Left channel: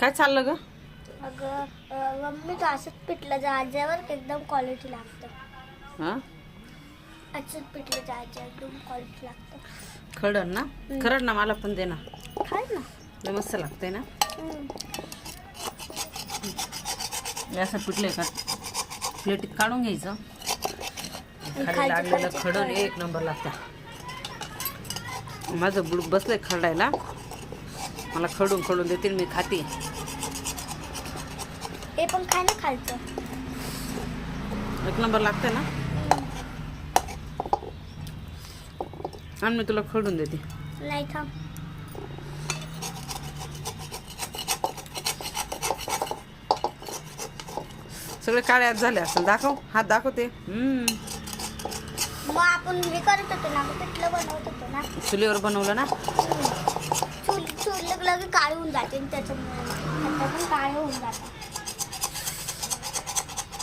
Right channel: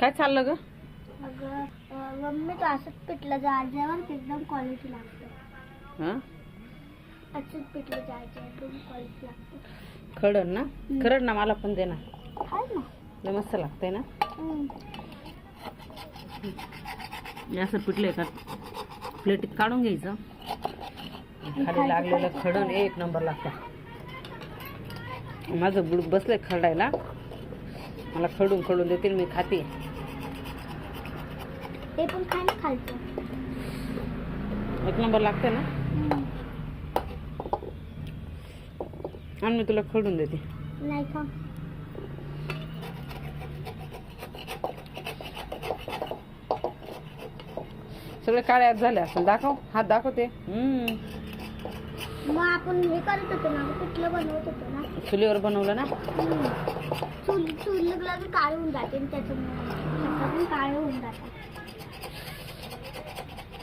काय चाललं ग? अगं मम्मी तो असंच पिठलं जाळल्यावर एकदम क्वालिटी लागतं. हां असंच पिठलं जाळल्यावर एकदम क्वालिटी लागतं. खरड ना? खरड ना, मला पण दे ना. खाय ना. लय मस्त लागतंय ना. हे असं पिठलं एका प्लेटीत काढून घ्यायचं. खाली लागलेलं खडण एक नंबर लागतं. माझं बुडूक बसलंय खरडायला. मला खडून देते, मी खाते. ते पण खाय ना खायचं. एक नंबर लागतंय ना. आणि मी तुला खडून देते. नाही थांब. सगळे काळे हात झाले असेल. दाखव, हात दाखवते. मग आपण हे करत होतो ना, पिठलं बनवत होतो ना. चुलीवर बनवलं ना. चूल लगे काळे होऊन जाते, त्याच्यामुळे काळे होऊन जातात.